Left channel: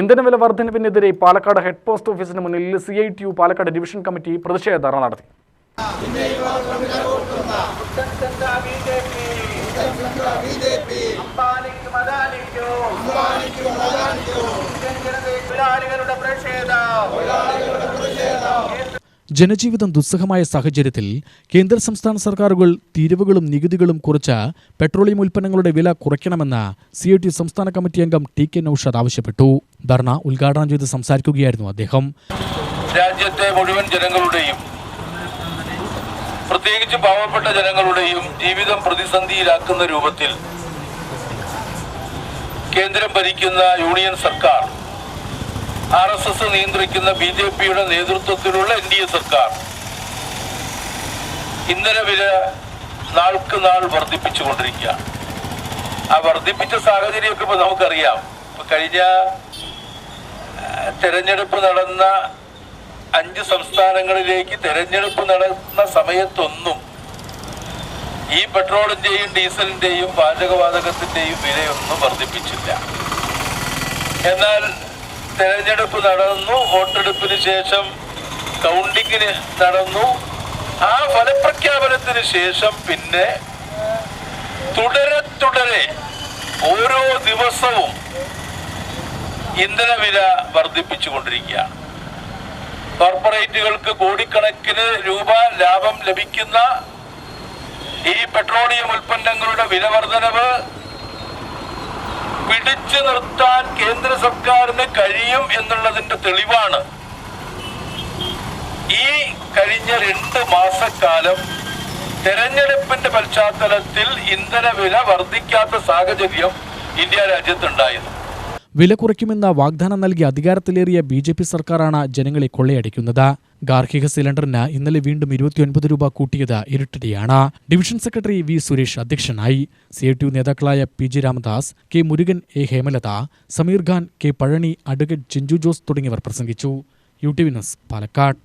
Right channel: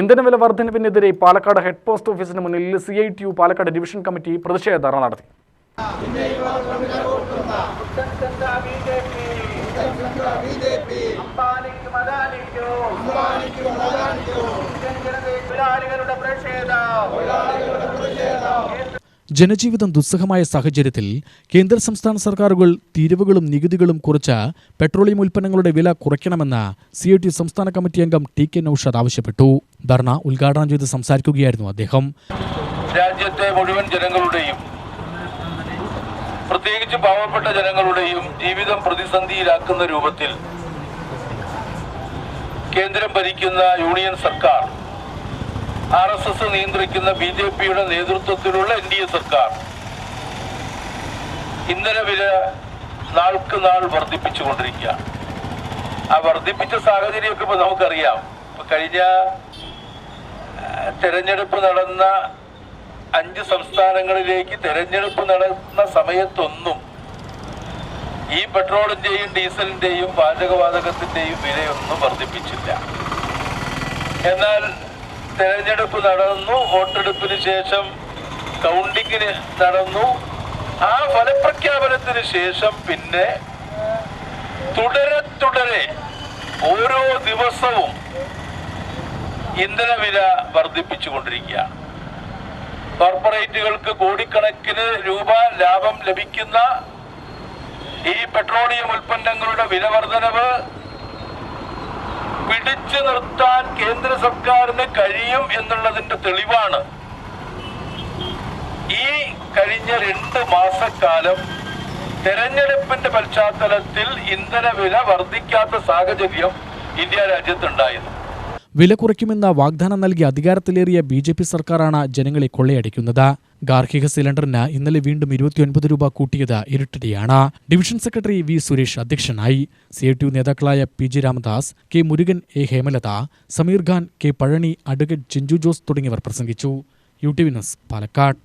ഇന്ധനവില വർധനവിനെതിരെ Palakkad head post ഓഫീസിന് മുന്നിൽ CITU പാലക്കാട് ഡിവിഷൻ കമ്മിറ്റി പ്രതിഷേധ ധർണ നടത്തി. ജനജീവിതം ദുസ്സഹമായ സാഹചര്യത്തിൽ കേന്ദ്ര സംസ്ഥാന സർക്കാരുകൾ തീരുവകളും നികുതികളും കുറച്ച് പെട്രോളിയം ഉൽപ്പന്നങ്ങളുടെ വില കുറയ്ക്കണമെന്ന് CITU സംസ്ഥാന കമ്മിറ്റി അംഗം TK നൌഷാദ് ആവശ്യപ്പെട്ടു. ധർണ ഉദ്ഘാടനം ചെയ്ത് സംസാരിക്കുകയായിരുന്നു അദ്ദേഹം. രാജ്യത്തെ മുഴുവൻ ജനങ്ങളുടെയും പ്രത്യേകിച്ച് പാവപ്പെട്ട ജനങ്ങളുടെയും ജീവിതം പ്രതിസന്ധിയിലാക്കുന്ന രൂപത്തിൽ കേന്ദ്രം ഭരിക്കുന്ന യൂണിയൻ സർക്കാർ, RSS നിയന്ത്രിക്കുന്ന BJPയുടെ നേതൃത്വത്തിലുള്ള NDA സർക്കാർ ഇന്ധനവില നാൾക്ക് നാൾ വർദ്ധിപ്പിച്ചുകൊണ്ടിരിക്കുകയാണ്. ആ വർദ്ധിപ്പിച്ച സാഹചര്യമൊക്കെ ഇപ്പൊ നമുക്കറിയാം. കഴിഞ്ഞ തെരഞ്ഞെടുപ്പ് നടന്ന 5 സംസ്ഥാനങ്ങളിലേക്ക് തെരഞ്ഞെടുപ്പ് നടന്ന സമയത്തൊന്നും ഈ പെട്രോളിന്റെയും ഡീസലിന്റെയും പാചകവാതകത്തിന്റെയും വിലയൊന്നും വർദ്ധിപ്പിച്ചില്ല. എന്നാൽ തെരഞ്ഞെടുപ്പ് നടന്നു, വോട്ടെടുപ്പിന് ശേഷം കൗണ്ടിങ്ങിന് നടന്നു. ആ ഫലപ്രഖ്യാപനത്തിന് ശേഷം പിന്നെ തുടരെ ഓരോ ദിവസവും ഇന്ധനവില വർദ്ധിപ്പിച്ചുകൊണ്ടിരിക്കുകയാണ്. കോർപ്പറേറ്റുകൾക്ക് കോടിക്കണക്കിന് രൂപ ലാഭം ലഭിക്കുന്ന ഈ പെട്രോളിയം ഉൽപ്പന്നങ്ങളുടെ വില വർധനവ് പിടിച്ചു നിർത്താൻ കേന്ദ്ര സർക്കാരിന് കഴിയും എന്നുള്ളതിന്റെ തെളിവാണ് ഈ കഴിഞ്ഞ 2 മാസക്കാലം തെരഞ്ഞെടുപ്പിന്റെ പശ്ചാത്തലത്തിൽ ഇന്ധനവില വർദ്ധിക്കാത്ത സാഹചര്യം ഇന്ത്യ രാജ്യത്തുണ്ടായത്. വില കുറയ്ക്കുമെന്ന വാഗ്ദാനം നൽകി അധികാരത്തിലേറിയ BJP സർക്കാരാണ് ജനങ്ങളെ കൊള്ളയടിക്കുന്നത്. ഗാർഹിക സിലിണ്ടറിന് ഇന്നലെ വീണ്ടും 29 രൂപ കൂട്ടിയത് ഇരുട്ടടിയാണ്. ഡിവിഷൻ സെക്രട്ടറി V സുരേഷ് അധ്യക്ഷനായി. CITU നേതാക്കളായ PG Ramadas, K Murugan, A Hemalatha, Sameer Khan, K Palani, advocate Chinchu Jose തുടങ്ങിയവർ പ്രസംഗിച്ചു. UTV news Palakkad.